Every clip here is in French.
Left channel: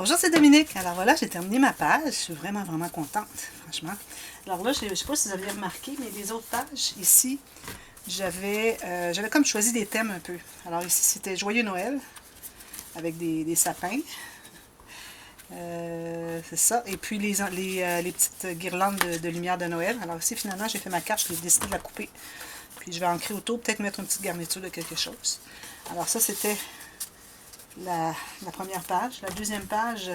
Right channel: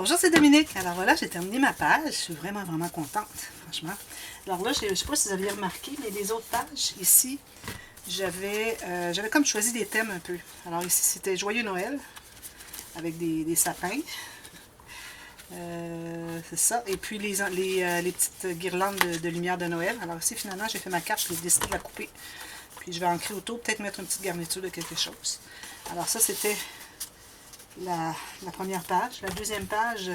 Bonjour, c'est Dominique. Alors voilà, j'ai terminé ma page. Je suis vraiment contente, franchement. Alors là, je ne sais pas si vous aviez remarqué, mais les autres pages, ici, j'avais comme choisi des thèmes un peu. Alors ici, c'était Joyeux Noël, avec des sapins. C'est ça. Et puis les petites guirlandes de lumière de Noël. Alors ici, finalement, j'ai fait ma carte, j'ai décidé de la couper. Puis je vais ancrer autour, peut-être mettre une petite garniture de quelque chose. Alors ça, c'était la première page. La deuxième page,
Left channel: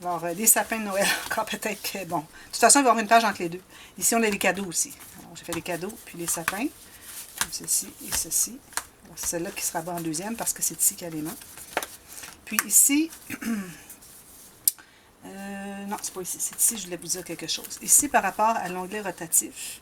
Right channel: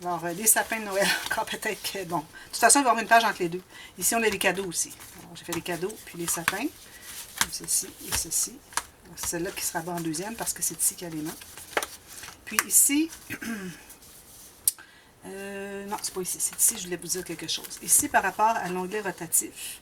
alors des sapins de Noël, encore peut-être que, bon, de toute façon, il va y avoir une page entre les deux. Ici, on a les cadeaux aussi. Alors, j'ai fait les cadeaux, puis les sapins, comme ceci et ceci. C'est celle-là qui sera bonne en deuxième, parce que c'est ici qu'il y a les mains. Puis ici, non, c'est pas ici, c'est ici, je voulais vous dire quelque chose. Ici, par rapport à l'onglet rotatif.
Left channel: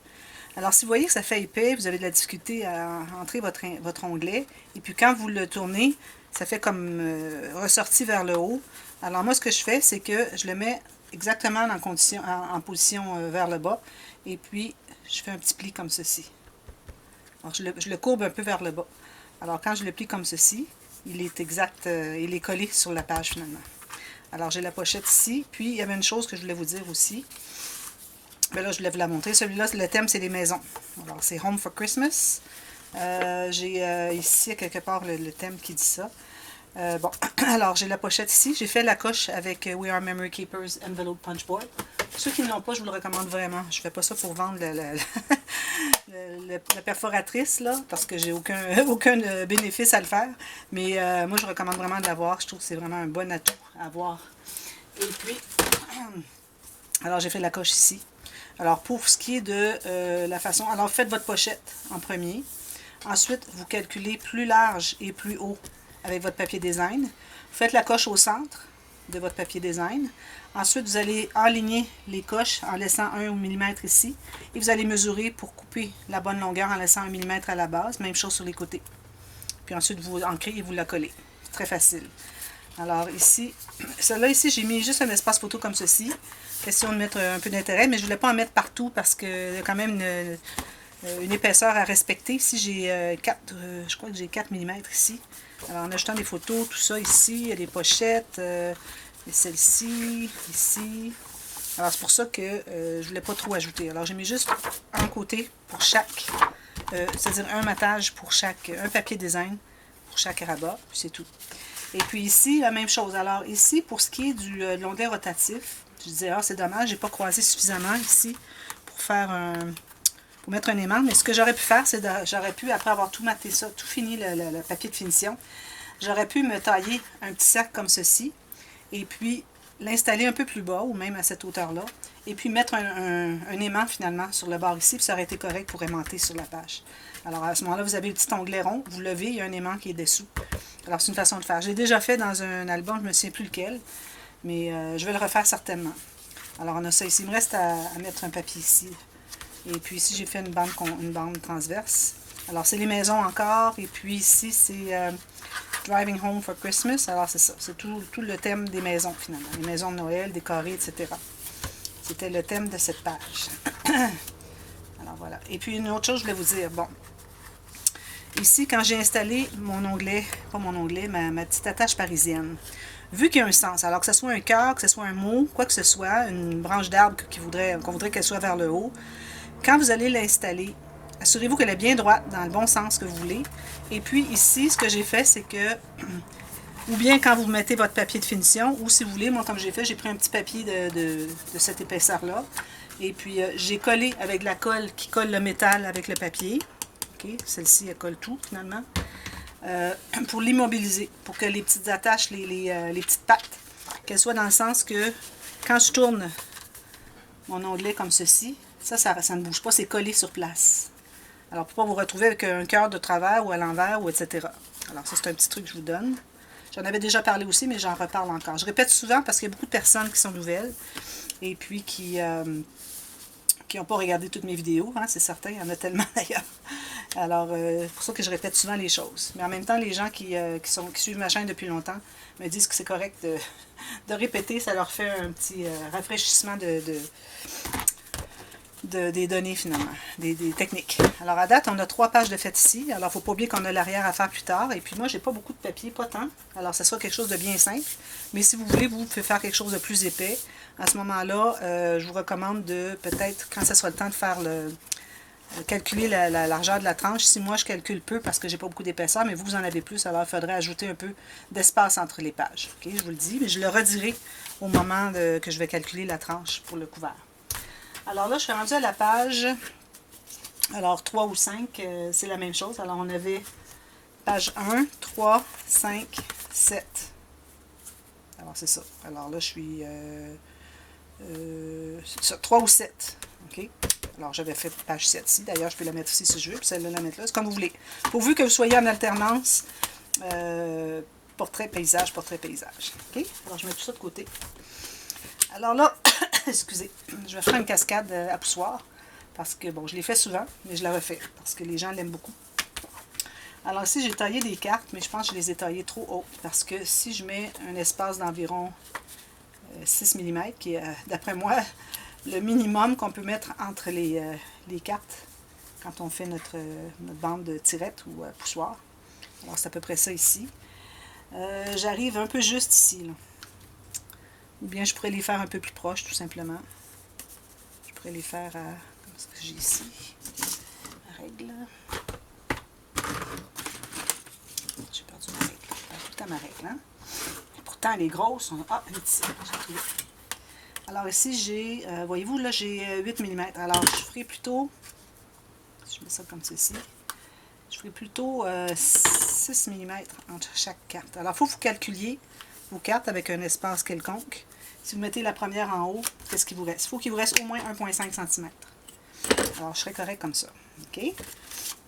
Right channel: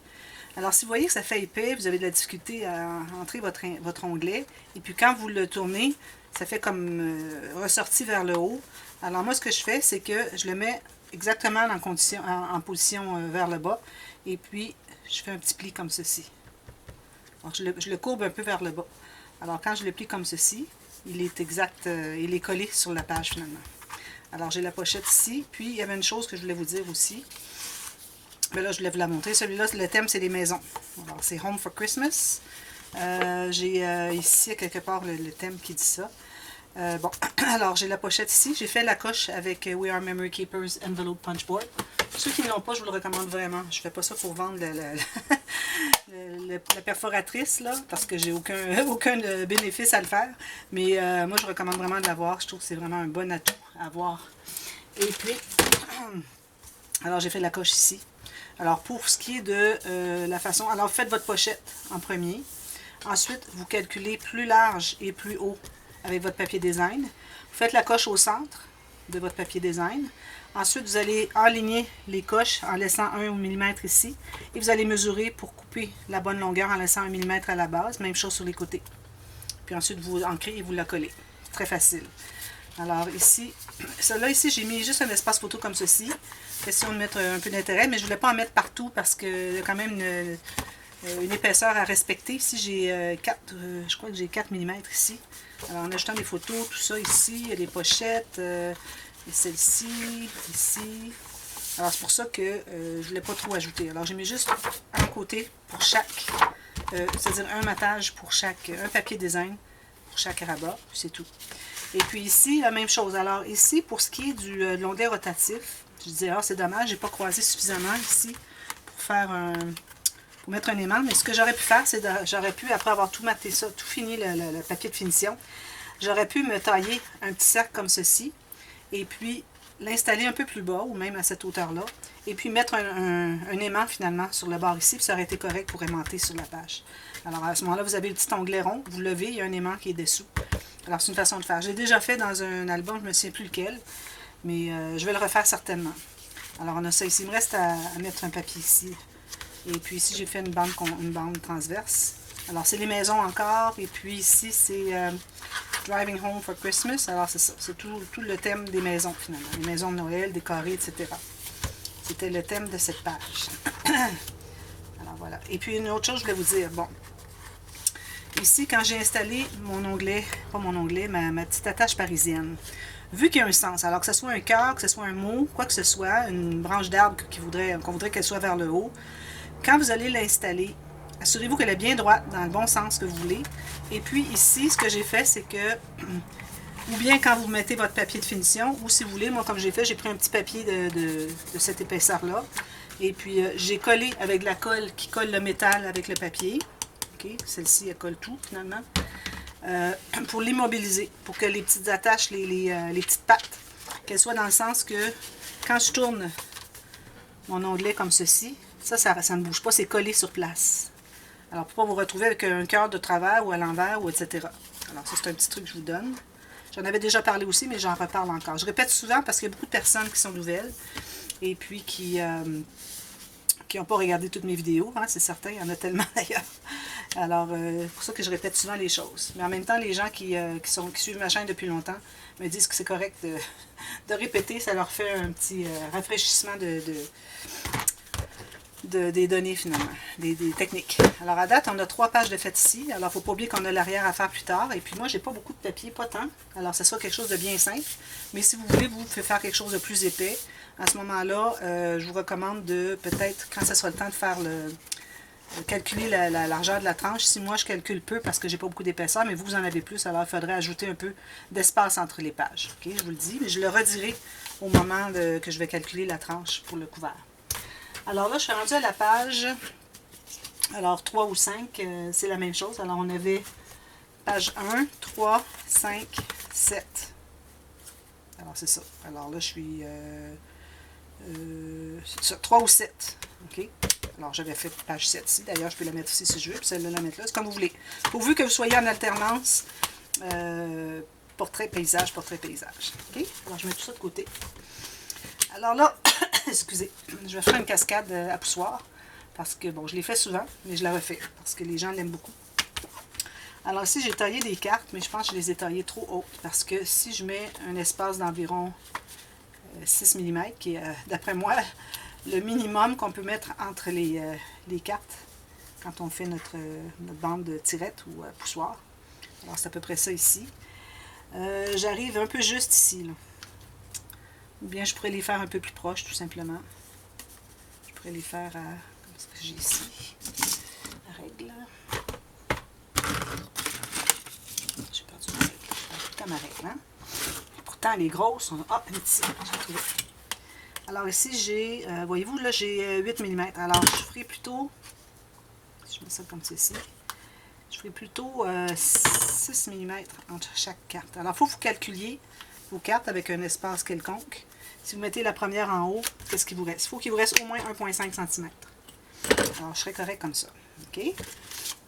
Alors, si vous voyez que ça fait épais, vous avez de la difficulté à entrer votre onglet, et puis quand vous le tournez, ça fait comme ressorti vers le haut. Alors moi, ce que je fais, c'est que je le mets exactement en position vers le bas. Et puis, je fais un petit pli comme ceci. Alors, je le courbe un peu vers le bas. Alors, quand je le plie comme ceci, il est exact, il est collé sur la page finalement. Alors, j'ai la pochette ici. Puis, il y avait une chose que je voulais vous dire aussi. Ben là, je voulais vous la montrer. Celui-là, le thème, c'est les maisons. Alors, c'est Home for Christmas. J'ai ici, quelque part, le thème qui dit ça. Bon, alors j'ai la pochette ici. J'ai fait la coche avec We Are Memory Keepers Envelope Punch Board. Ceux qui ne l'ont pas, je vous le recommande vraiment. Je ne fais pas ça pour vendre la perforatrice, là, parce que j'ai aucun bénéfice à le faire. Mais moi, je recommande vraiment de l'avoir. Je trouve que c'est vraiment un bon atout à avoir. Et puis, alors j'ai fait la coche ici. Alors, pour ce qui est de la façon... Alors, faites votre pochette en premier. Ensuite, vous calculez plus large et plus haut avec votre papier design. Vous faites la coche au centre de votre papier design. Ensuite, vous allez aligner les coches en laissant 1 mm ici. Et vous allez mesurer pour couper la bonne longueur en laissant 1 mm à la base. Même chose sur les côtés. Puis ensuite, vous ancrez et vous la collez. C'est très facile. Alors ici, celle-là ici, j'ai mis juste un espace photo comme ceci. Question de mettre un peu d'intérêt, mais je ne voulais pas en mettre partout parce qu'il y a quand même une épaisseur à respecter. Ici, j'ai je crois que j'ai 4 mm ici. Alors, en ajoutant des photos, tout ça ici, il y a des pochettes, celle-ci, ici. Alors, c'est pour ça que je ne voulais pas trop ajouter. Alors, j'ai mis juste un côté pour chaque, c'est-à-dire un matage pour chaque, un papier design pour chaque rabat, puis c'est tout. Et puis ici, la même chose. Alors, ici, pour ce qui est de l'onglet rotatif, je disais, ah, c'est dommage, j'ai pas croisé suffisamment ici pour faire pour mettre un aimant. Mais ce que j'aurais pu faire, c'est j'aurais pu, après avoir tout maté ça, tout fini le papier de finition, j'aurais pu me tailler un petit cercle comme ceci, et puis l'installer un peu plus bas, ou même à cette hauteur-là, et puis mettre un aimant finalement sur le bord ici, puis ça aurait été correct pour aimanter sur la page. Alors à ce moment-là, vous avez le petit onglet rond, vous levez, il y a un aimant qui est dessous. Alors c'est une façon de faire. J'ai déjà fait dans un album, je ne me souviens plus lequel, mais je vais le refaire certainement. Alors on a ça ici. Il me reste à mettre un papier ici. Et puis ici, j'ai fait une bande transverse. Alors c'est les maisons encore. Et puis ici, c'est Driving Home for Christmas. Alors c'est ça. C'est tout le thème des maisons finalement. Les maisons de Noël, décorées, etc. C'était le thème de cette page. Alors voilà. Et puis une autre chose, je voulais vous dire. Bon. Ici, quand j'ai installé mon onglet, pas mon onglet, ma petite attache parisienne, vu qu'il y a un sens, alors que ce soit un cœur, que ce soit un mot, quoi que ce soit, une branche d'arbre qu'on voudrait qu'elle soit vers le haut, quand vous allez l'installer, assurez-vous qu'elle est bien droite, dans le bon sens que vous voulez. Et puis ici, ce que j'ai fait, c'est que, ou bien quand vous mettez votre papier de finition, ou si vous voulez, moi comme j'ai fait, j'ai pris un petit papier de cette épaisseur-là, et puis j'ai collé avec de la colle qui colle le métal avec le papier. Okay. Celle-ci, elle colle tout, finalement. Pour l'immobiliser, pour que les petites attaches, les petites pattes, qu'elles soient dans le sens que, quand je tourne mon onglet comme ceci, ça ne bouge pas, c'est collé sur place. Alors, pour ne pas vous retrouver avec un cœur de travers ou à l'envers, ou etc. Alors, ça, c'est un petit truc que je vous donne. J'en avais déjà parlé aussi, mais j'en reparle encore. Je répète souvent parce qu'il y a beaucoup de personnes qui sont nouvelles et puis qui n'ont pas regardé toutes mes vidéos, hein, c'est certain, il y en a tellement d'ailleurs. Alors, c'est pour ça que je répète souvent les choses. Mais en même temps, les gens qui suivent ma chaîne depuis longtemps me disent que c'est correct de répéter, ça leur fait un petit rafraîchissement des données finalement, des techniques. Alors à date, on a 3 pages de fait ici. Alors il ne faut pas oublier qu'on a l'arrière à faire plus tard. Et puis moi, j'ai pas beaucoup de papier, pas tant. Alors ce sera quelque chose de bien simple. Mais si vous voulez, vous pouvez faire quelque chose de plus épais. À ce moment-là, je vous recommande de peut-être, quand ce sera le temps de faire calculer la largeur de la tranche. Si moi je calcule peu parce que j'ai pas beaucoup d'épaisseur, mais vous en avez plus, alors il faudrait ajouter un peu d'espace entre les pages. Okay, je vous le dis, mais je le redirai au moment que je vais calculer la tranche pour le couvert. Alors là, je suis rendue à la page, alors 3 ou 5, c'est la même chose. Alors on avait page 1, 3, 5, 7. Alors c'est ça. Alors là, je suis 3 ou 7. OK? Alors j'avais fait page 7 ici. D'ailleurs, je peux la mettre ici si je veux, puis celle-là la mettre là. C'est comme vous voulez. Pourvu que vous soyez en alternance, portrait, paysage, portrait, paysage. OK? Alors je mets tout ça de côté. Alors là, excusez, je vais faire une cascade à poussoir. Parce que, bon, je l'ai fait souvent, mais je la refais. Parce que les gens l'aiment beaucoup. Alors ici, j'ai taillé des cartes, mais je pense que je les ai taillées trop hautes. Parce que si je mets un espace d'environ 6 mm, qui est, d'après moi, le minimum qu'on peut mettre entre les cartes quand on fait notre bande de tirette ou poussoir. Alors c'est à peu près ça ici. J'arrive un peu juste ici, là. Ou bien je pourrais les faire un peu plus proches, tout simplement. Je pourrais les faire à... Comme ce que j'ai ici. La règle. J'ai perdu ma règle. Je perds tout le temps ma règle, hein? Et pourtant, les grosses sont... Ah, une petite. J'ai trouvé. Alors ici, j'ai... voyez-vous, là, j'ai 8 mm. Alors, je ferai plutôt... Je mets ça comme ceci. Je ferai plutôt 6 mm entre chaque carte. Alors, il faut que vous calculiez vos cartes avec un espace quelconque. Si vous mettez la première en haut, qu'est-ce qu'il vous reste? Il faut qu'il vous reste au moins 1,5 cm. Alors, je serai correct comme ça. OK?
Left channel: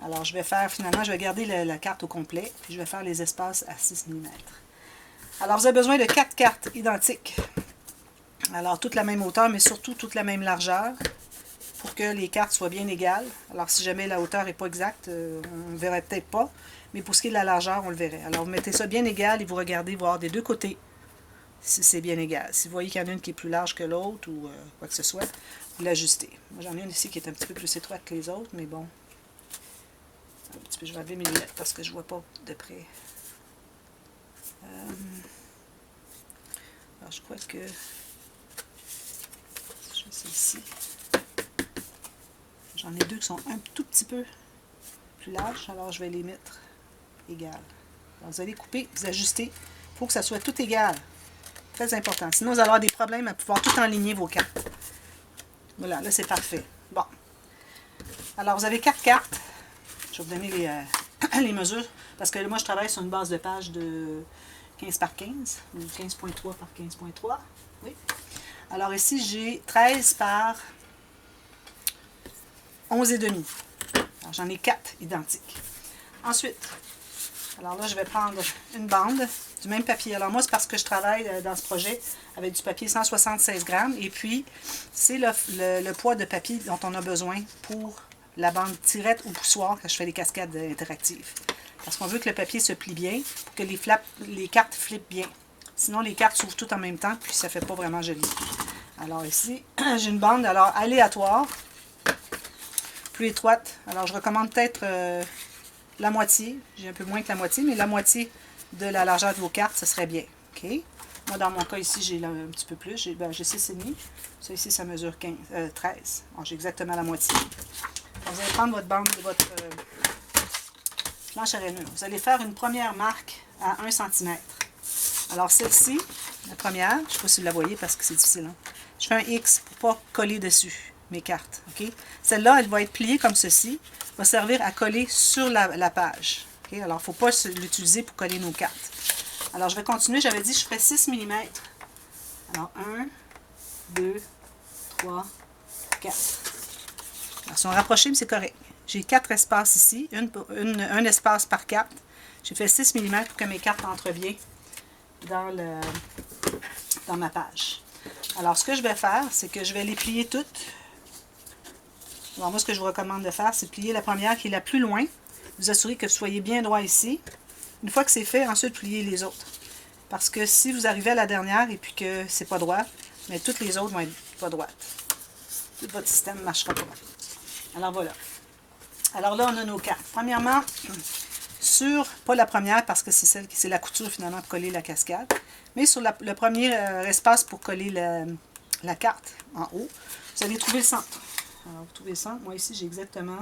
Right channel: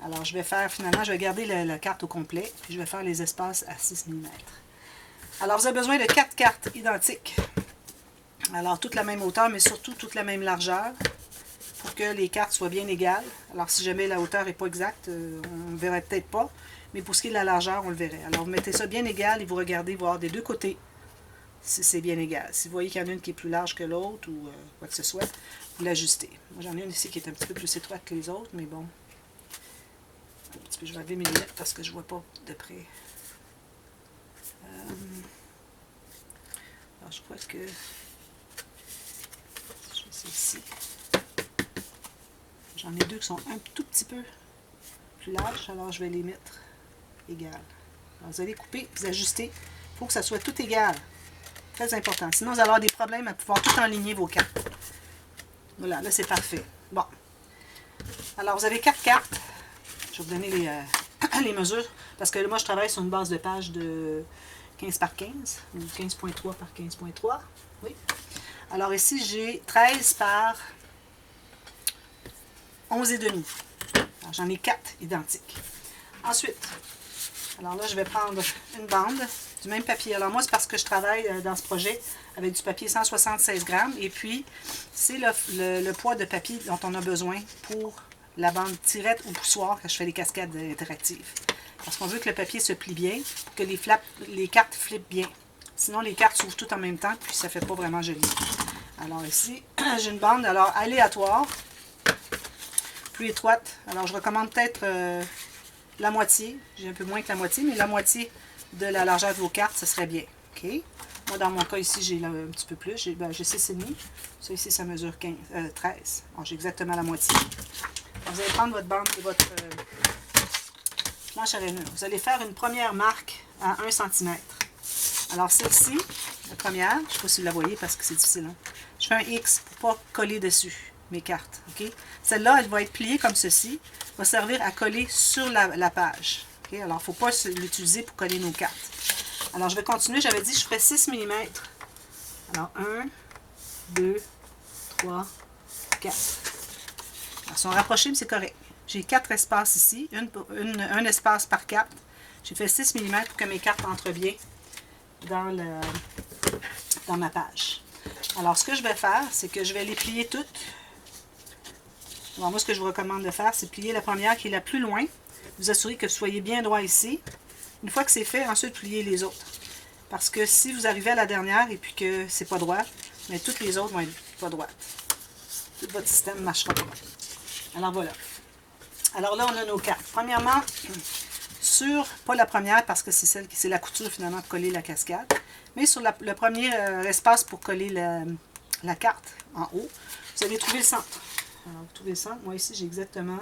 Alors, je vais faire, finalement, je vais garder la carte au complet, puis je vais faire les espaces à 6 mm. Alors, vous avez besoin de 4 cartes identiques. Alors, toute la même hauteur, mais surtout toute la même largeur, pour que les cartes soient bien égales. Alors, si jamais la hauteur n'est pas exacte, on ne verrait peut-être pas, mais pour ce qui est de la largeur, on le verrait. Alors, vous mettez ça bien égal et vous regardez voir des deux côtés si c'est bien égal. Si vous voyez qu'il y en a une qui est plus large que l'autre ou quoi que ce soit, vous l'ajustez. Moi, j'en ai une ici qui est un petit peu plus étroite que les autres, mais bon. Un petit peu, je vais enlever mes lunettes parce que je ne vois pas de près. Alors, je crois que... Je sais ici. J'en ai deux qui sont un tout petit peu plus larges, alors je vais les mettre égales. Alors, vous allez couper, vous ajustez. Il faut que ça soit tout égal. Très important. Sinon, vous allez avoir des problèmes à pouvoir tout enligner vos cartes. Voilà, là, c'est parfait. Bon. Alors, vous avez 4 cartes. Je vais vous donner les mesures. Parce que moi, je travaille sur une base de page de 15 par 15. Ou 15.3 par 15.3. Oui. Alors, ici, j'ai 13 par 11,5. Alors, j'en ai 4 identiques. Ensuite, alors là, je vais prendre une bande du même papier. Alors moi, c'est parce que je travaille dans ce projet avec du papier 176 grammes. Et puis, c'est le poids de papier dont on a besoin pour la bande tirette ou poussoir quand je fais des cascades interactives. Parce qu'on veut que le papier se plie bien pour que les cartes flippent bien. Sinon, les cartes s'ouvrent toutes en même temps, puis ça ne fait pas vraiment joli. Alors ici, j'ai une bande alors aléatoire, plus étroite. Alors, je recommande peut-être... la moitié, j'ai un peu moins que la moitié, mais la moitié de la largeur de vos cartes, ce serait bien. OK? Moi, dans mon cas, ici, j'ai un petit peu plus. J'ai 6,5. Ça, ici, ça mesure 13. Alors, j'ai exactement la moitié. Alors, vous allez prendre votre bande, votre planche à rainure. Vous allez faire une première marque à 1 cm. Alors, celle-ci, la première, je ne sais pas si vous la voyez parce que c'est difficile. Hein? Je fais un X pour ne pas coller dessus mes cartes. OK? Celle-là, elle va être pliée comme ceci. Va servir à coller sur la page. Okay? Alors, il ne faut pas l'utiliser pour coller nos cartes. Alors, je vais continuer. J'avais dit que je ferais 6 mm. Alors, 1, 2, 3, 4. Alors, si on rapproche, mais c'est correct. J'ai 4 espaces ici. Un espace par carte. J'ai fait 6 mm pour que mes cartes entrent bien dans ma page. Alors, ce que je vais faire, c'est que je vais les plier toutes. Alors, moi, ce que je vous recommande de faire, c'est de plier la première qui est la plus loin. Vous assurez que vous soyez bien droit ici. Une fois que c'est fait, ensuite, pliez les autres. Parce que si vous arrivez à la dernière et puis que c'est pas droit, mais toutes les autres vont être pas droites. tout votre système ne marchera pas. Alors voilà. Alors là, on a nos cartes. Premièrement, pas la première, parce que c'est la couture finalement pour coller la cascade, mais sur le premier espace pour coller la carte en haut, vous allez trouver le centre. Alors, vous trouvez le centre. Moi ici, j'ai exactement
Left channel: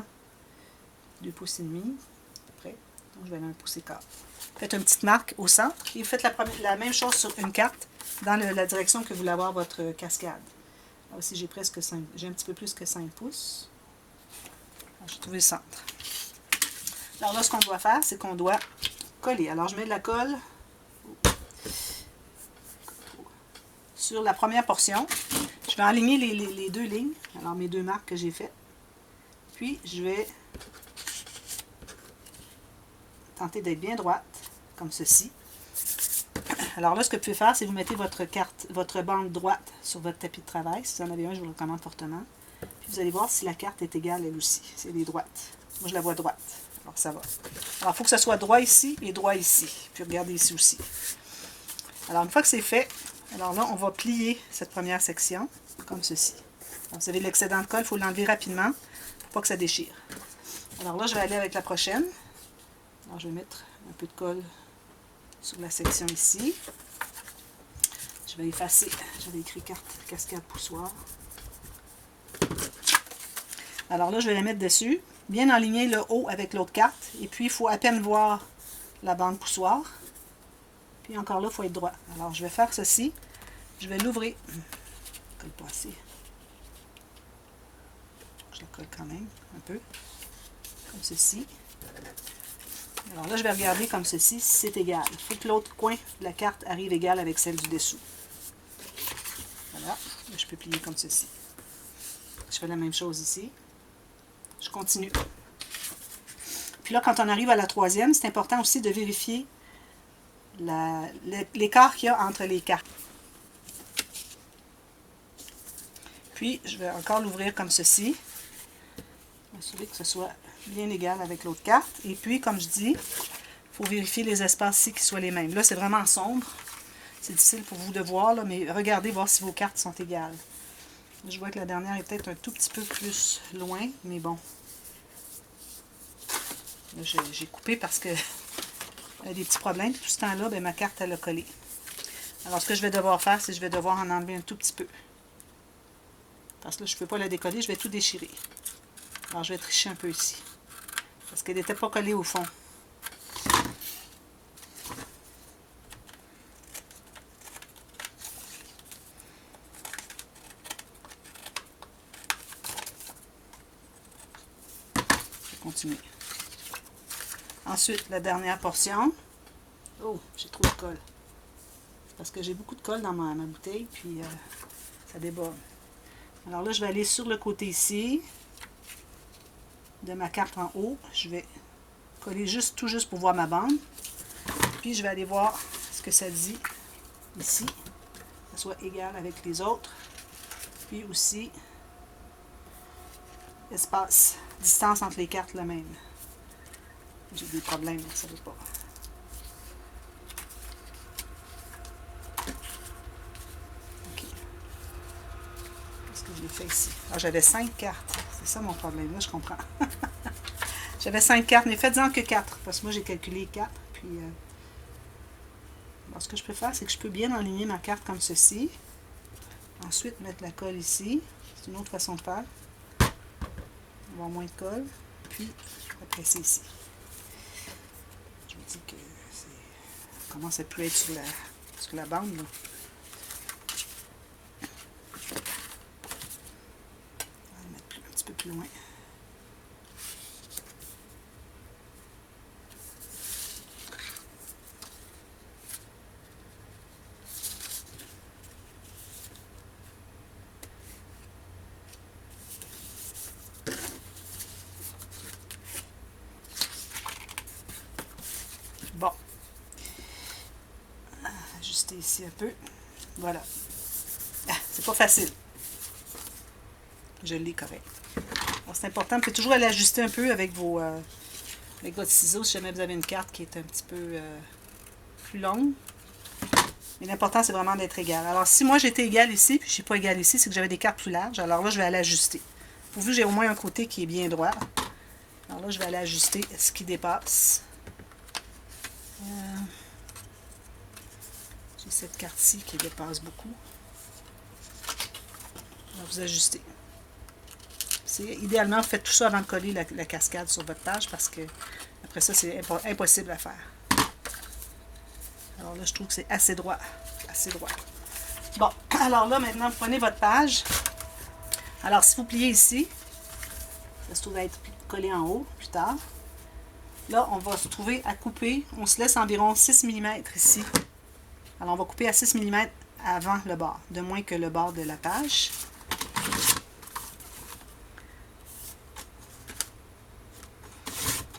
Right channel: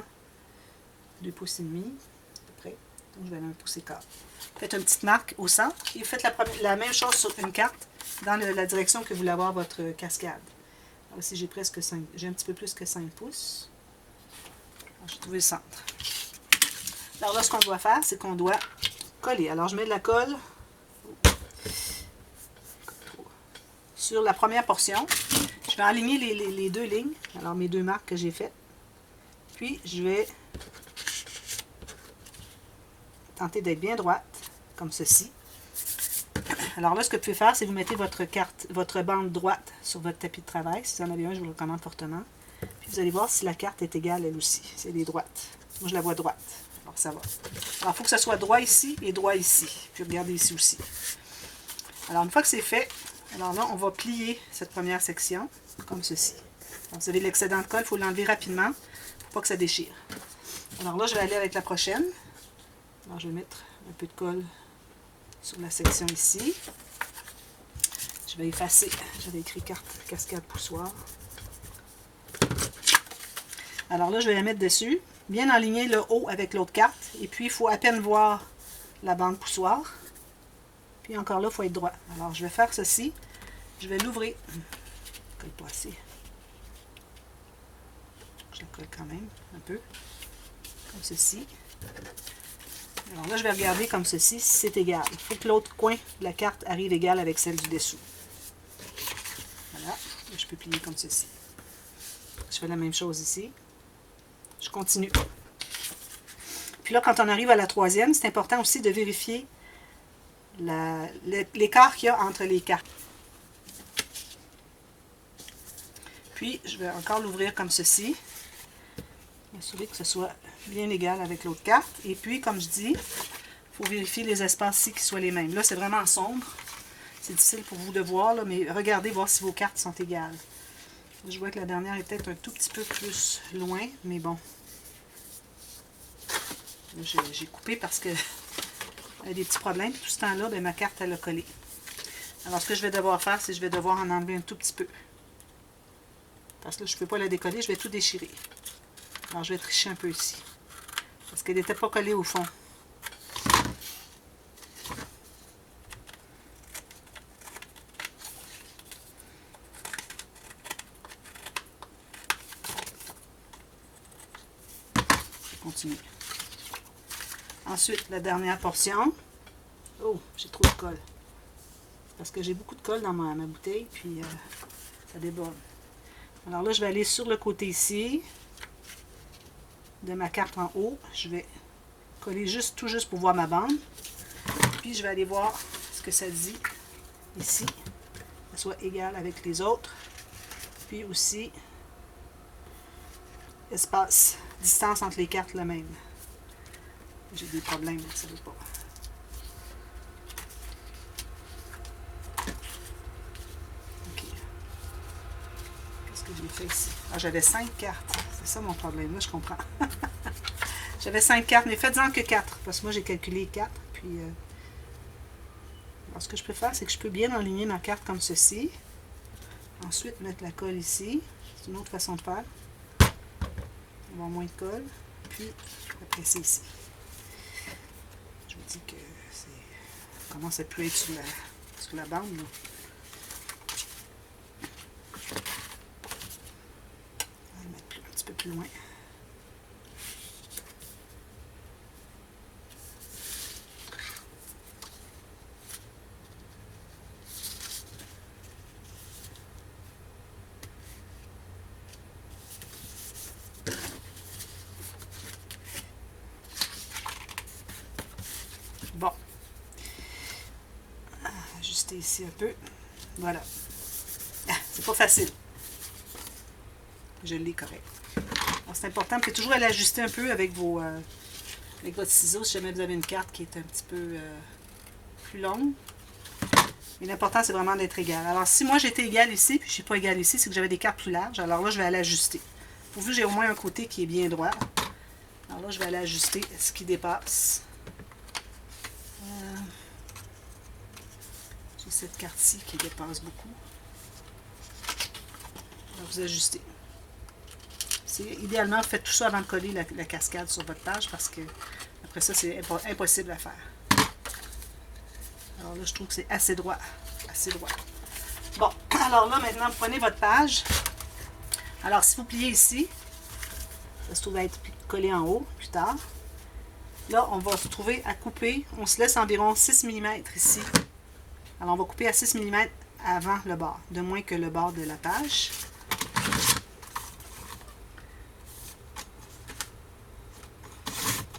2,5 pouces, à peu près. Donc, je vais aller 1 pouce et quart. Faites une petite marque au centre et faites la même chose sur une carte dans la direction que vous voulez avoir votre cascade. Alors ici, j'ai un petit peu plus que 5 pouces. J'ai trouvé le centre. Alors là, ce qu'on doit faire, c'est qu'on doit coller. Alors, je mets de la colle sur la première portion. Je vais aligner les deux lignes, alors mes deux marques que j'ai faites. Puis, je vais tenter d'être bien droite, comme ceci. Alors là, ce que vous pouvez faire, c'est que vous mettez votre bande droite sur votre tapis de travail. Si vous en avez un, je vous le recommande fortement. Puis, vous allez voir si la carte est égale, elle aussi. Si elle est droite. Moi, je la vois droite. Alors, ça va. Alors, il faut que ça soit droit ici et droit ici. Puis, regardez ici aussi. Alors, une fois que c'est fait, alors là, on va plier cette première section, comme ceci. Alors, vous avez l'excédent de colle, il faut l'enlever rapidement, pour pas que ça déchire. Alors là, je vais aller avec la prochaine. Alors, je vais mettre un peu de colle sur la section ici. Je vais effacer. J'avais écrit carte cascade poussoir. Alors là, je vais la mettre dessus. Bien aligner le haut avec l'autre carte. Et puis, il faut à peine voir la bande poussoir. Puis encore là, il faut être droit. Alors, je vais faire ceci. Je vais l'ouvrir. Colle pas assez. Je la colle quand même un peu. Comme ceci. Alors là, je vais regarder comme ceci, si c'est égal. Il faut que l'autre coin de la carte arrive égal avec celle du dessous. Voilà. Et je peux plier comme ceci. Je fais la même chose ici. Je continue. Puis là, quand on arrive à la troisième, c'est important aussi de vérifier l'écart qu'il y a entre les cartes. Puis, je vais encore l'ouvrir comme ceci. M'assurer que ce soit bien égal avec l'autre carte. Et puis, comme je dis, il faut vérifier les espaces ici qui soient les mêmes. Là, c'est vraiment sombre. C'est difficile pour vous de voir, là, mais regardez, voir si vos cartes sont égales. Je vois que la dernière est peut-être un tout petit peu plus loin, mais bon. J'ai coupé parce que il y a des petits problèmes. Tout ce temps-là, ben, ma carte, elle a collé. Alors, ce que je vais devoir faire, c'est que je vais devoir en enlever un tout petit peu. Parce que là, je ne peux pas la décoller, je vais tout déchirer. Alors, je vais tricher un peu ici. Parce qu'elle n'était pas collée au fond. Je continue. Ensuite, la dernière portion. Oh, j'ai trop de colle. Parce que j'ai beaucoup de colle dans ma bouteille, puis ça déborde. Alors là, je vais aller sur le côté ici de ma carte en haut. Je vais coller tout juste pour voir ma bande. Puis je vais aller voir ce que ça dit ici. Que ça soit égal avec les autres. Puis aussi, espace, distance entre les cartes la même. J'ai des problèmes, ça ne veut pas. OK. Qu'est-ce que j'ai fait ici? Ah, j'avais 5 cartes. C'est ça mon problème. Là, je comprends. J'avais 5 cartes, mais faites-en que 4. Parce que moi, j'ai calculé 4. Puis, alors, ce que je peux faire, c'est que je peux bien aligner ma carte comme ceci. Ensuite, mettre la colle ici. C'est une autre façon de faire. Avoir moins de colle. Puis, je vais presser ici. Je vous dis que ça commence à plus être sur la bande. Là. On va le mettre un petit peu plus loin. Bon. Ajuster ici un peu. Voilà. C'est pas facile. Je l'ai correct. C'est important. Vous pouvez toujours aller ajuster un peu avec avec votre ciseau si jamais vous avez une carte qui est un petit peu plus longue. Mais l'important, c'est vraiment d'être égal. Alors, si moi, j'étais égal ici, puis je ne suis pas égal ici, c'est que j'avais des cartes plus larges. Alors là, je vais aller ajuster. Pourvu que j'ai au moins un côté qui est bien droit. Alors là, je vais aller ajuster ce qui dépasse. J'ai cette carte-ci qui dépasse beaucoup. Alors, vous ajustez. Idéalement, faites tout ça avant de coller la cascade sur votre page parce que après ça, c'est impossible à faire. Alors là, je trouve que c'est assez droit. Assez droit. Bon, alors là, maintenant, vous prenez votre page. Alors, si vous pliez ici, ça se trouve à être collé en haut plus tard. Là, on va se trouver à couper. On se laisse environ 6 mm ici. Alors, on va couper à 6 mm avant le bord, de moins que le bord de la page.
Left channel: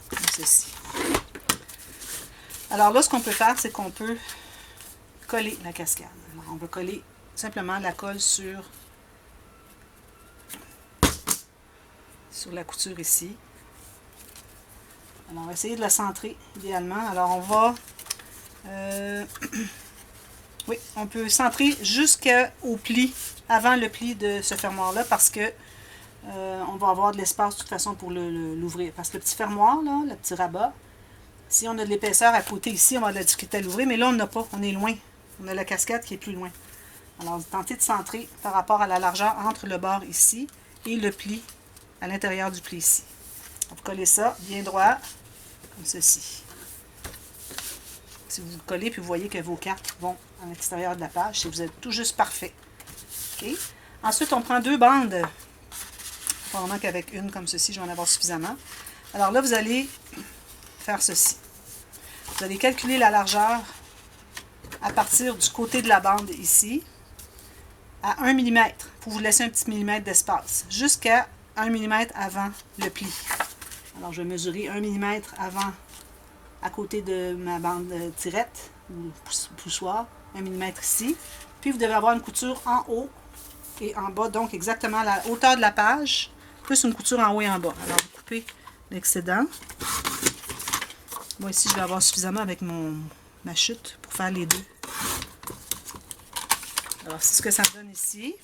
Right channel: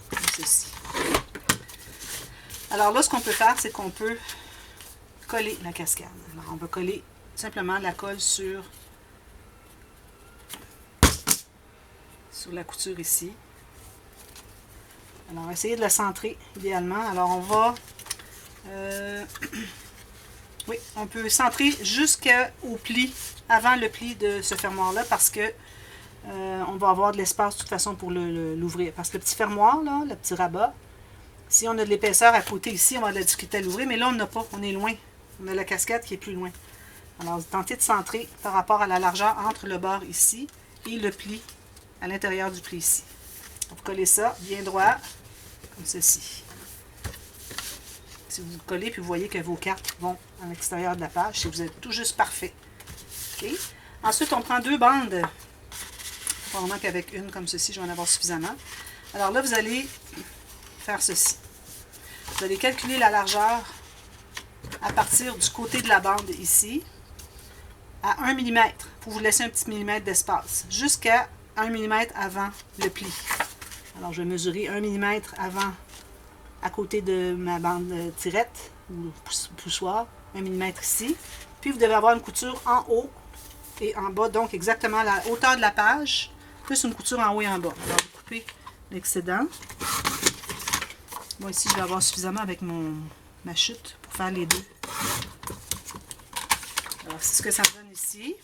Comme ceci. Alors là, ce qu'on peut faire, c'est qu'on peut coller la cascade. Alors, on va coller simplement la colle sur la couture ici. Alors, essayez de la centrer idéalement. Alors, on va... oui, on peut centrer jusqu'au pli, avant le pli de ce fermoir-là, parce que on va avoir de l'espace de toute façon pour l'ouvrir. Parce que le petit fermoir, là, le petit rabat, si on a de l'épaisseur à côté ici, on va avoir de la difficulté à l'ouvrir, mais là, on n'a pas, on est loin. On a la cascade qui est plus loin. Alors, tentez de centrer par rapport à la largeur entre le bord ici et le pli à l'intérieur du pli ici. Vous collez ça bien droit, comme ceci. Si vous collez, puis vous voyez que vos cartes vont à l'extérieur de la page, si vous êtes tout juste parfait. Okay. Ensuite, on prend 2 bandes. Probablement qu'avec une comme ceci, je vais en avoir suffisamment. Alors là, vous allez faire ceci. Vous allez calculer la largeur à partir du côté de la bande ici, à 1 mm, pour vous laisser un petit millimètre d'espace, jusqu'à 1 mm avant le pli. Alors, je vais mesurer 1 mm avant, à côté de ma bande tirette, ou poussoir, 1 mm ici. Puis, vous devez avoir une couture en haut et en bas, donc exactement à la hauteur de la page, plus une couture en haut et en bas. Alors, vous coupez l'excédent. Moi, ici, je vais avoir suffisamment avec ma chute pour faire les deux. Alors, c'est ce que ça me donne ici.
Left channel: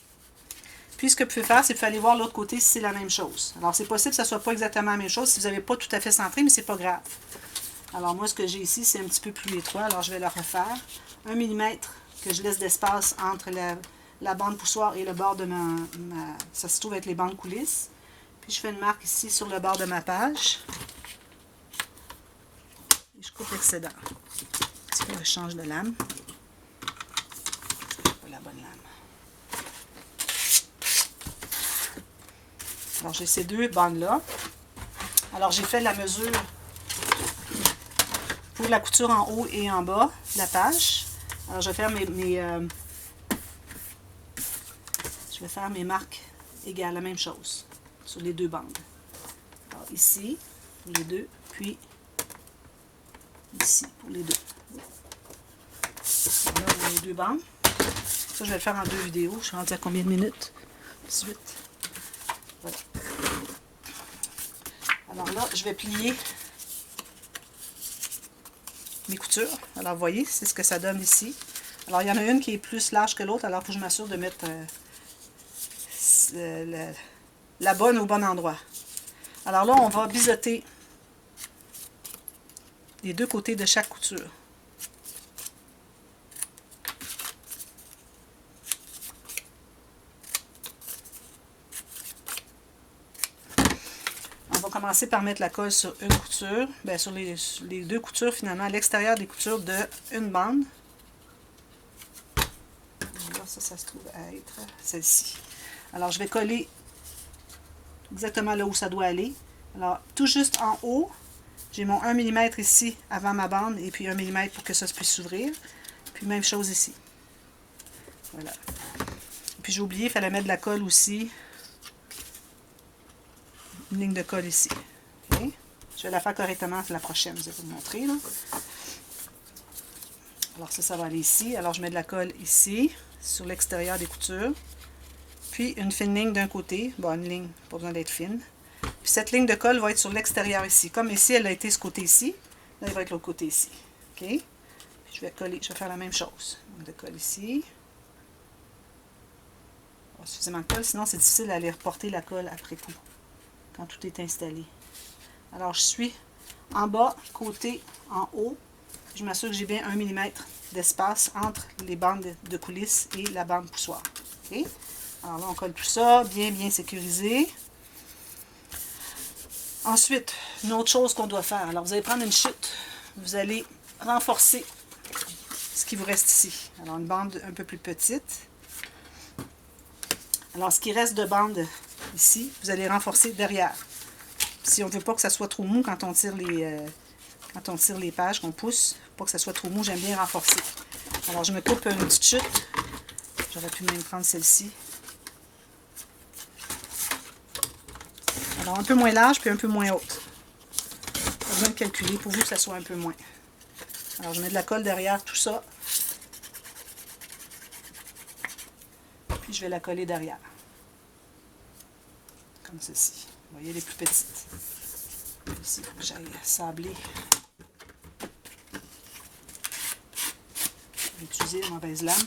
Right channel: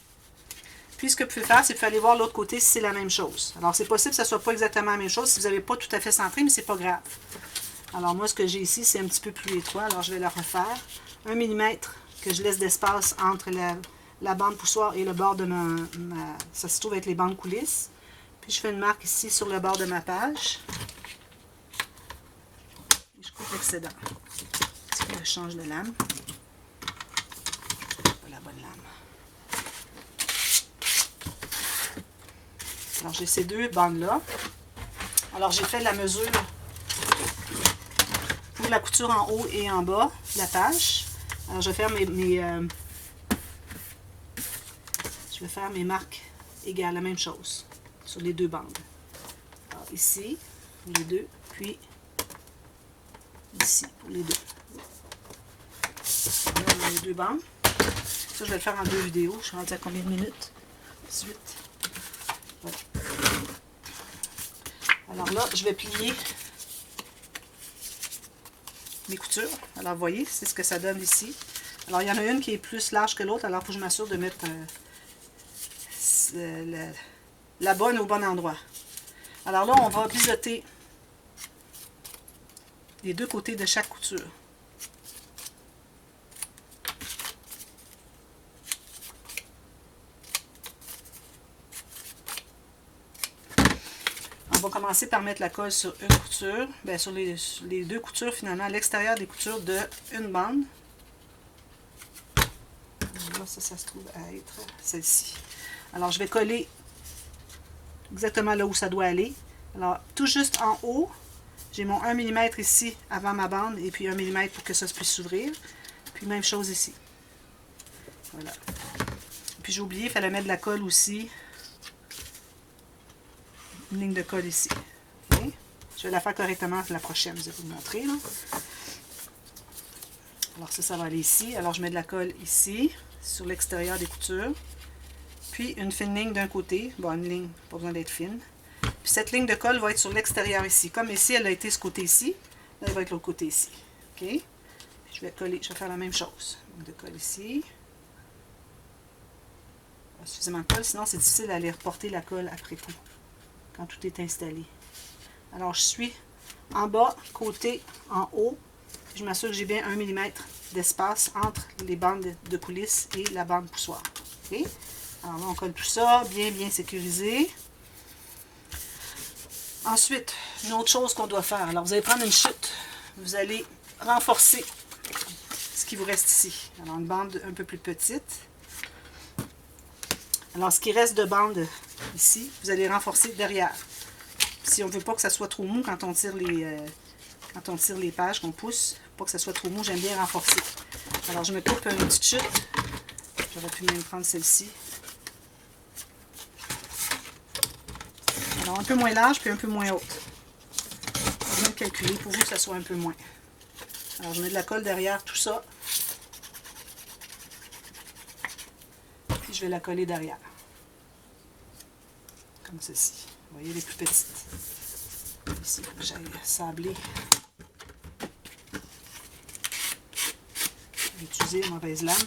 Puis, ce que vous pouvez faire, c'est que vous allez voir l'autre côté si c'est la même chose. Alors, c'est possible que ça ne soit pas exactement la même chose si vous n'avez pas tout à fait centré, mais c'est pas grave. Alors, moi, ce que j'ai ici, c'est un petit peu plus étroit. Alors, je vais la refaire. 1 mm que je laisse d'espace entre la bande poussoir et le bord de ça se trouve être les bandes coulisses. Puis, je fais une marque ici sur le bord de ma page. Et je coupe l'excédent. Je change de lame. La bonne lame. Alors, j'ai ces 2 bandes-là. Alors, j'ai fait la mesure pour la couture en haut et en bas de la page. Alors, je vais faire mes marques égales, la même chose, sur les 2 bandes. Alors, ici, pour les 2, puis ici, pour les 2. Là, on a les 2 bandes. Ça, je vais le faire en 2 vidéos. Je suis rendue à combien de minutes? 18. Voilà. Alors là, je vais plier mes coutures. Alors, vous voyez, c'est ce que ça donne ici. Alors, il y en a une qui est plus large que l'autre. Alors, il faut que je m'assure de mettre la bonne au bon endroit. Alors là, on va biseauter les 2 côtés de chaque couture. On va commencer par mettre la colle sur une couture, bien sur les 2 coutures finalement, à l'extérieur des coutures de une bande. Là, ça se trouve à être celle-ci. Alors, je vais coller exactement là où ça doit aller. Alors, tout juste en haut, j'ai mon 1 mm ici avant ma bande et puis 1 mm pour que ça puisse s'ouvrir. Puis, même chose ici. Voilà. Puis, j'ai oublié, il fallait mettre de la colle aussi. Une ligne de colle ici. Okay. Je vais la faire correctement pour la prochaine, je vais vous montrer. Là. Alors ça va aller ici. Alors je mets de la colle ici, sur l'extérieur des coutures. Puis une fine ligne d'un côté. Bon, une ligne, pas besoin d'être fine. Puis cette ligne de colle va être sur l'extérieur ici. Comme ici, elle a été ce côté-ci, là, elle va être l'autre côté ici. OK? Puis je vais coller, je vais faire la même chose. de colle ici. Suffisamment de colle, sinon c'est difficile d'aller reporter la colle après coup, quand tout est installé. Alors je suis en bas, côté, en haut. Je m'assure que j'ai bien 1 mm d'espace entre les bandes de coulisses et la bande poussoir. Okay? Alors là, on colle tout ça, bien sécurisé. Ensuite, une autre chose qu'on doit faire. Alors, vous allez prendre une chute. Vous allez renforcer ce qui vous reste ici. Alors, une bande un peu plus petite. Alors, ce qui reste de bande ici, vous allez renforcer derrière. Si on ne veut pas que ça soit trop mou quand on tire les pages, qu'on pousse, pas que ça soit trop mou, j'aime bien renforcer. Alors, je me coupe une petite chute. J'aurais pu même prendre celle-ci. Alors, un peu moins large, puis un peu moins haute. Je viens de calculer pour vous que ça soit un peu moins. Alors, je mets de la colle derrière tout ça. Puis, je vais la coller derrière. Comme ceci. Vous voyez, les plus petites. Ici, il faut que j'aille sabler. Je vais utiliser une mauvaise lame.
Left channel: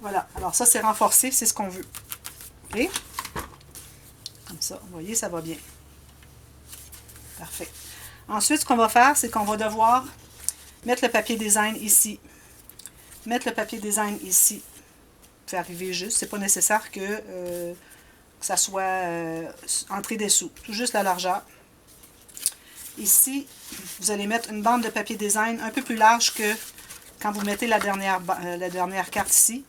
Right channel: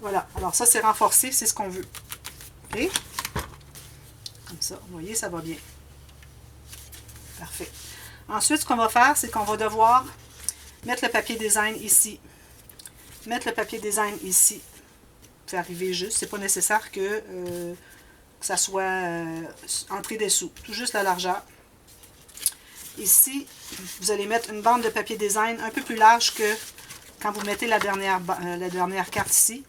Voilà. Alors, ça, c'est renforcé. C'est ce qu'on veut. OK? Comme ça, vous voyez, ça va bien. Parfait. Ensuite, ce qu'on va faire, c'est qu'on va devoir mettre le papier design ici. Mettre le papier design ici. Fait arriver juste. C'est pas nécessaire que ça soit entré dessous. Tout juste la largeur. Ici, vous allez mettre une bande de papier design un peu plus large que quand vous mettez la dernière carte ici.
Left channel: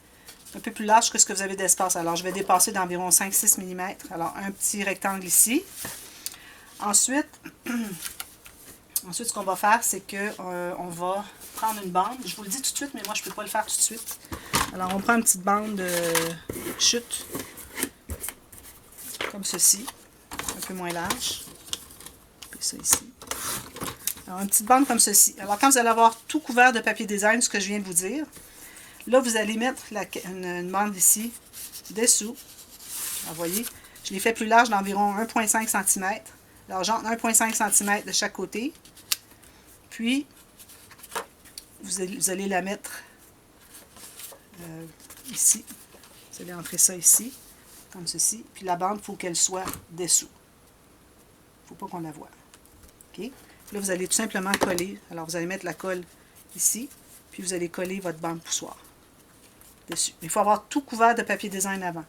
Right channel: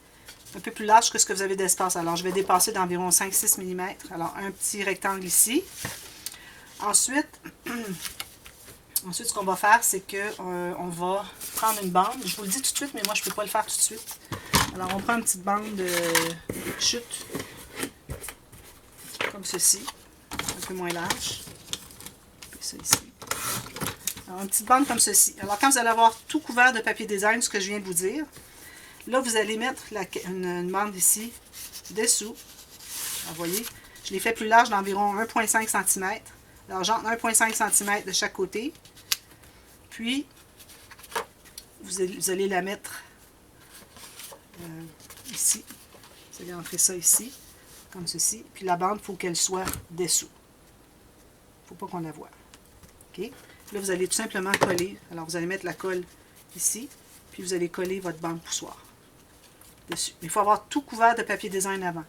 Un peu plus large que ce que vous avez d'espace. Alors, je vais dépasser d'environ 5-6 mm. Alors, un petit rectangle ici. Ensuite, ce qu'on va faire, c'est qu'on va prendre une bande. Je vous le dis tout de suite, mais moi, je ne peux pas le faire tout de suite. Alors, on prend une petite bande de chute, comme ceci, un peu moins large. Puis ça ici. Alors, une petite bande comme ceci. Alors, quand vous allez avoir tout couvert de papier design, ce que je viens de vous dire, là, vous allez mettre une bande ici, dessous. Alors, vous voyez, je l'ai fait plus large d'environ 1,5 cm. Alors, genre 1,5 cm de chaque côté. Puis, vous allez la mettre ici. Vous allez entrer ça ici, comme ceci. Puis la bande, il faut qu'elle soit dessous. Il ne faut pas qu'on la voie. OK? Là, vous allez tout simplement coller. Alors, vous allez mettre la colle ici. Puis, vous allez coller votre bande poussoir dessus. Il faut avoir tout couvert de papier design avant.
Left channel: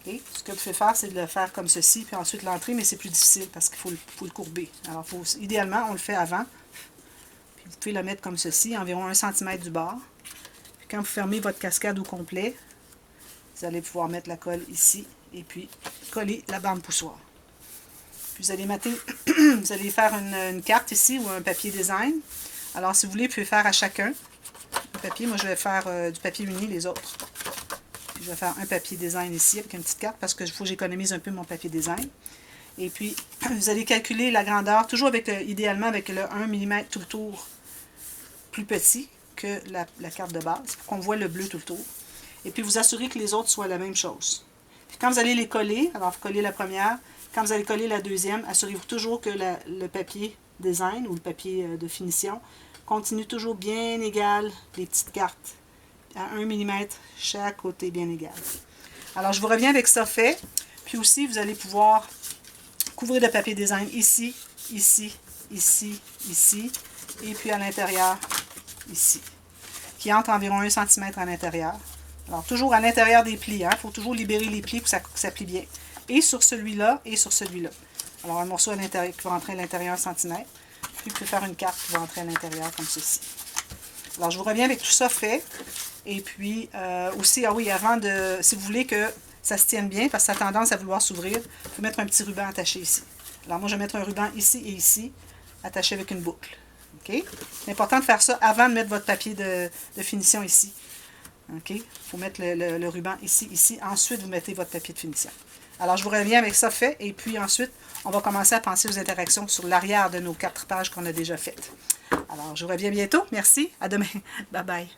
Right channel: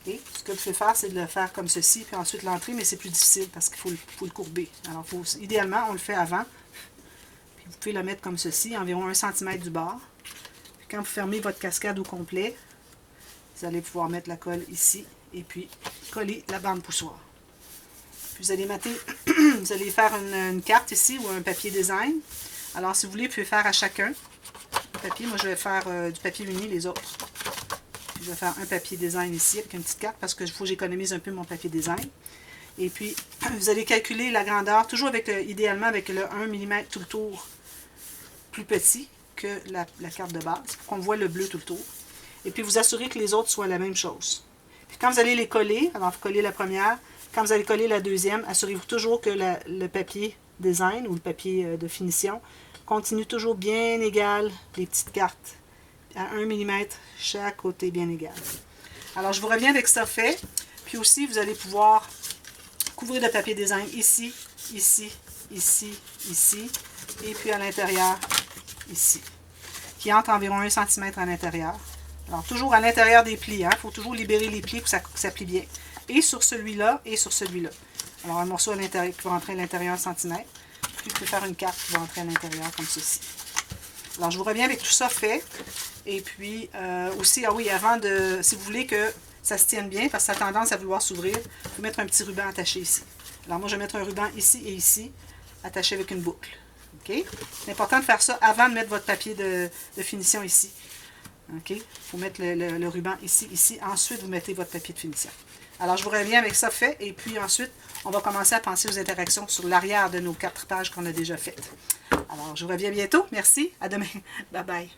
Okay? Ce que vous pouvez faire, c'est de le faire comme ceci, puis ensuite l'entrer, mais c'est plus difficile parce qu'il faut le courber. Alors, idéalement, on le fait avant. Puis vous pouvez le mettre comme ceci, environ 1 cm du bord. Puis quand vous fermez votre cascade au complet, vous allez pouvoir mettre la colle ici et puis coller la bande poussoir. Puis vous allez vous allez faire une carte ici ou un papier design. Alors, si vous voulez, vous pouvez faire à chacun un papier. Moi, je vais faire du papier uni, les autres. Puis, je vais faire un papier design ici avec une petite carte parce qu'il faut que j'économise un peu mon papier design. Et puis, vous allez calculer la grandeur, toujours avec idéalement avec le 1 mm tout le tour plus petit que la carte de base, pour qu'on voit le bleu tout le tour. Et puis, vous assurez que les autres soient la même chose. Puis, quand vous allez les coller, alors vous collez la première, quand vous allez coller la deuxième, assurez-vous toujours que le papier design ou le papier de finition continue toujours bien égal, les petites cartes, à 1 mm chaque côté bien égal. Alors, je vous reviens avec ça fait. Puis aussi, vous allez pouvoir couvrir de papier design ici, ici, ici, ici, et puis à l'intérieur, ici, qui entre environ 1 cm à l'intérieur. Alors, toujours à l'intérieur des plis, il faut toujours libérer les plis pour que ça plie bien. Et sur celui-là, et sur celui-là. Alors, un morceau à l'intérieur qui va rentrer à l'intérieur 1 cm, puis vous pouvez faire une carte qui va rentrer à l'intérieur comme ceci. Alors, je vous reviens avec tout ça fait. Et puis, aussi, ah oui, avant de, si vous voulez que ça se tienne bien, parce que ça a tendance à vouloir s'ouvrir, il faut mettre un petit ruban attaché ici. Alors, moi, je vais mettre un ruban ici et ici, attaché avec une boucle. OK? C'est important de faire ça avant de mettre votre papier de finition ici. OK? Il faut mettre le ruban ici, ici. Ensuite, vous mettez votre papier de finition. Alors, je vous reviens avec ça fait. Et puis, ensuite, on va commencer à penser aux interactions sur l'arrière de nos 4 pages qu'on a déjà faites. Alors, je vous reviens bientôt. Merci. À demain. Bye bye.